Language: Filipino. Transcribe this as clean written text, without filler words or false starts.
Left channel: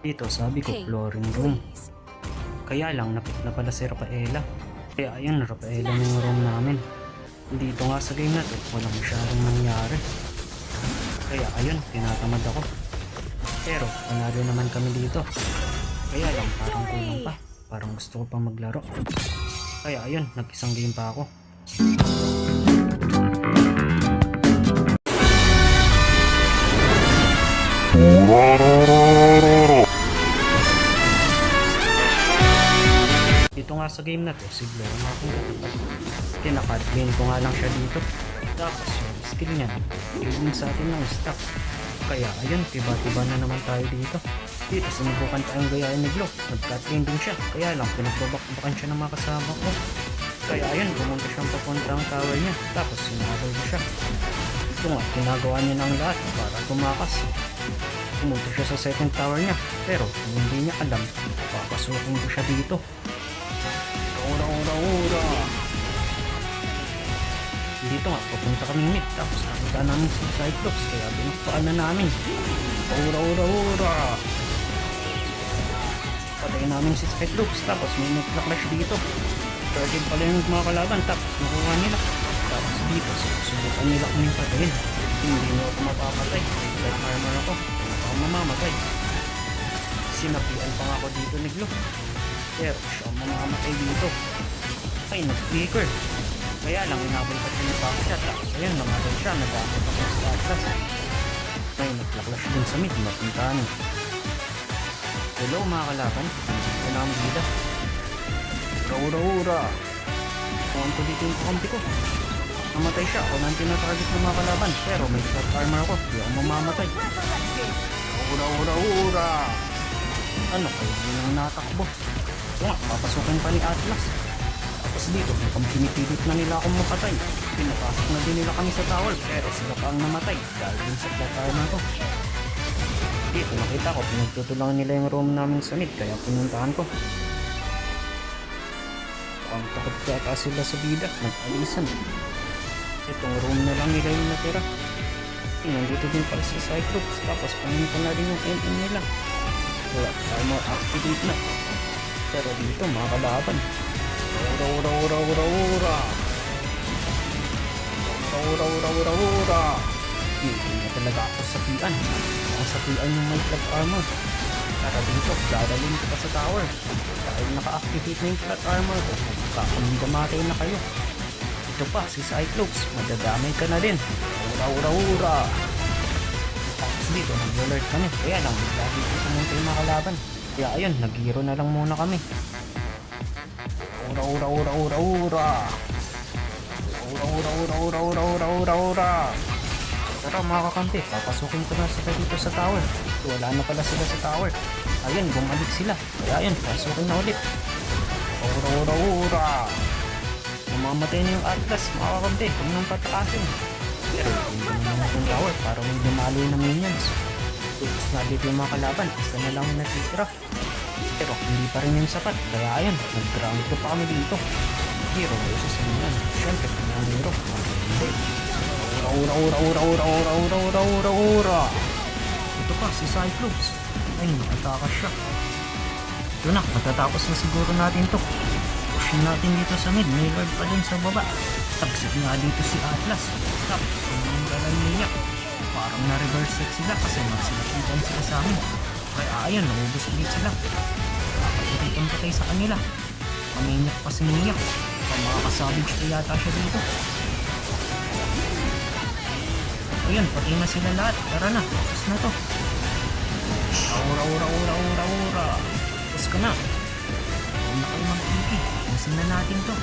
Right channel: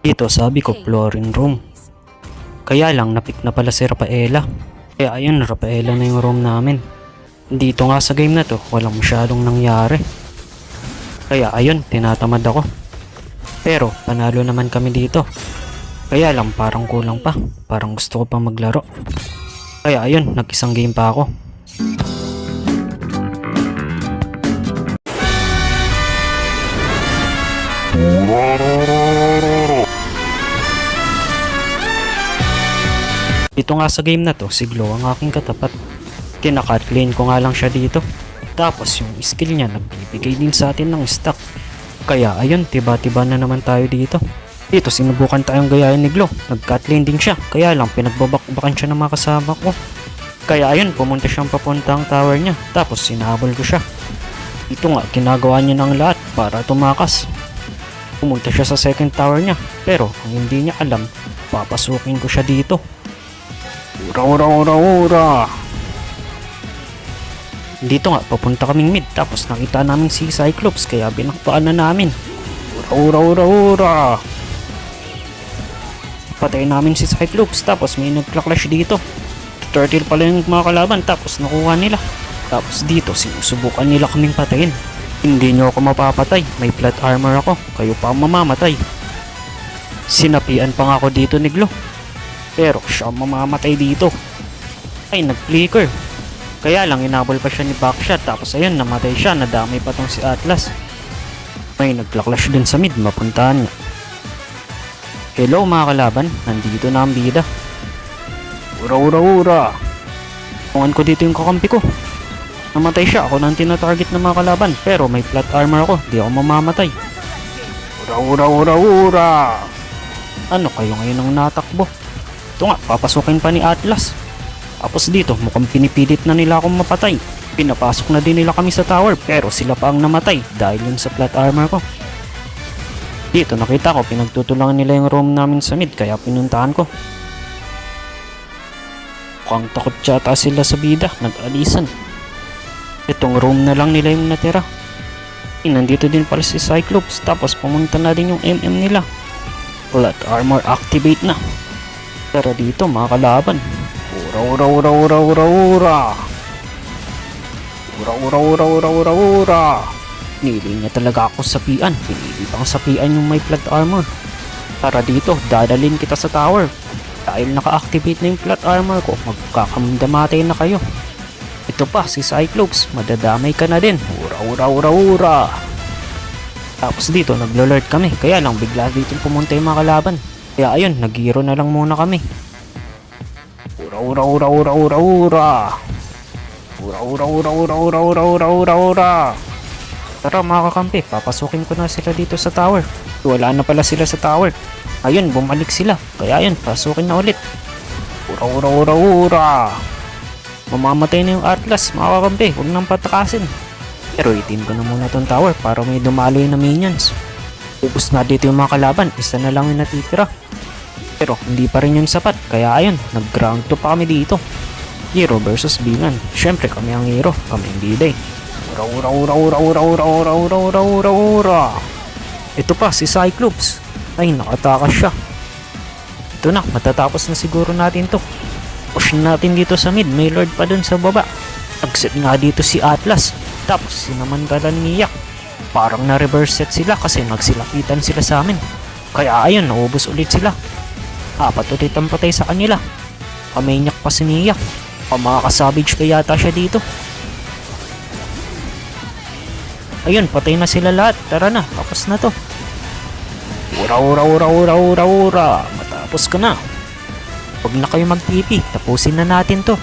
Dito sabi ko flooring room. Kaya lang napik na pala si Rafaela. Kaya ayun, Rafaela na yung room namin. Dito nga sa game na to, walang masyadong nangyari. Kaya ayun, tinatamad ako. Pero panalo naman kami dito. Kaya lang parang kulang pa. Parang gusto ko pa maglaro. Kaya ayun, nag-isang game pa ako. Dito nga sa game na to, si Glow ang aking katapat. Kinakatlane ko nga lang siya dito. Tapos yung skill niya nagbibigay din sa atin ng stack. Kaya ayun, tiba-tiba na naman tayo dito. Dito sinubukan tayong gayahin ni Glow. Nag-catlane din siya. Kaya lang pinagbabakbakan siya ng mga kasama ko. Kaya ayun, pumunta siyang papunta ang tower niya. Tapos sinahabol ko siya. Ito nga, ginagawa niya ng lahat para tumakas. Pumunta siya sa second tower niya. Pero kung hindi niya alam, papasukin ko siya dito. Ura. Dito nga, papunta kaming mid. Tapos nakita namin si Cyclops. Kaya binaktaan na namin. Ura. Patay namin si Cyclops. Tapos may nagka-clash dito. Turtle pala yung mga kalaban. Tapos nakuha nila. Tapos dito, sinusubukan nila kaming patayin. Hindi nyo ako mapapatay. May plot armor ako. Kayo pa ang mamamatay. Sinapian pa nga ako dito ni Glow. Pero siya ang mamamatay dito. Ay, nag-flicker. Kaya lang inabol pa siya ni Backshot. Tapos ayun, namatay siya. Nadamay pa tong si Atlas. May nagla-clash din sa mid. Mapuntahan niya. Hello mga kalaban. Nandito na ang bida. Ura. Tungan ko dito yung kakampi ko. Namatay siya. Ako nang tinatarget ng mga kalaban. Pero may plot armor ako. Di ako mamamatay. Ura. Ano kayo ngayon ang natakbo? Ito nga, papasukin pa ni Atlas. Tapos dito, mukhang pinipilit na nila akong mapatay. Pinapasok na din nila kami sa tower, pero sila pa ang namatay dahil yun sa plot armor ko. Dito nakita ko, pinagtutulangan nila yung room namin sa mid, kaya pinuntahan ko. Mukhang takot yata sila sa bida, nag-alisan. Itong room na lang nila yung natira. Nandito din pala si Cyclops, tapos pumunta na din yung MM nila. Plot armor activate na. Pero dito mga kalaban. Ura. Nili niya talaga ako sapian. Hindi bang sapian yung may plot armor. Para dito, dadalhin kita sa tower. Dahil naka-activate na yung plot armor ko, magkakamandamatay na kayo. Ito pa, si Cyclops. Madadamay ka na din. Ura. Tapos dito, naglo-lord kami. Kaya lang, bigla dito pumunta yung mga kalaban. Kaya ayun, nag-hero na lang muna kami. Ura. Tara mga kakampi, papasukin ko na sila dito sa tower. Wala na pala sila sa tower. Ayun, bumalik sila. Kaya ayun, pasukin na ulit. Ura. Mamamatay na yung Atlas, mga kakampi. Huwag nang patakasin. Pero itin ko na muna itong tower para may dumaloy na minions. Ubus na dito yung mga kalaban, isa na lang yung natitira. Pero hindi pa rin yung sapat, kaya ayun, nag-ground to pa kami dito. Hero versus Binan. Syempre kami ang hero, kami hindi day. Ura. Ito pa, si Cyclops. Ay, nakatakas siya. Ito na, matatapos na siguro natin to. Push natin dito sa mid, may lord pa dun sa baba. Nag-set nga dito si Atlas. Tapos naman niyak. Parang na-reverse set sila kasi magsilakitan sila sa amin. Kaya ayun, naubos ulit sila. Apat ulit ang patay sa kanila. Paminyak pa si Nia. Pamakasavage pa yata siya dito. Ayun, patay na sila lahat. Tara na, tapos na to. Ura. Matapos ka na. Huwag na kayo mag-TP. Tapusin na natin to.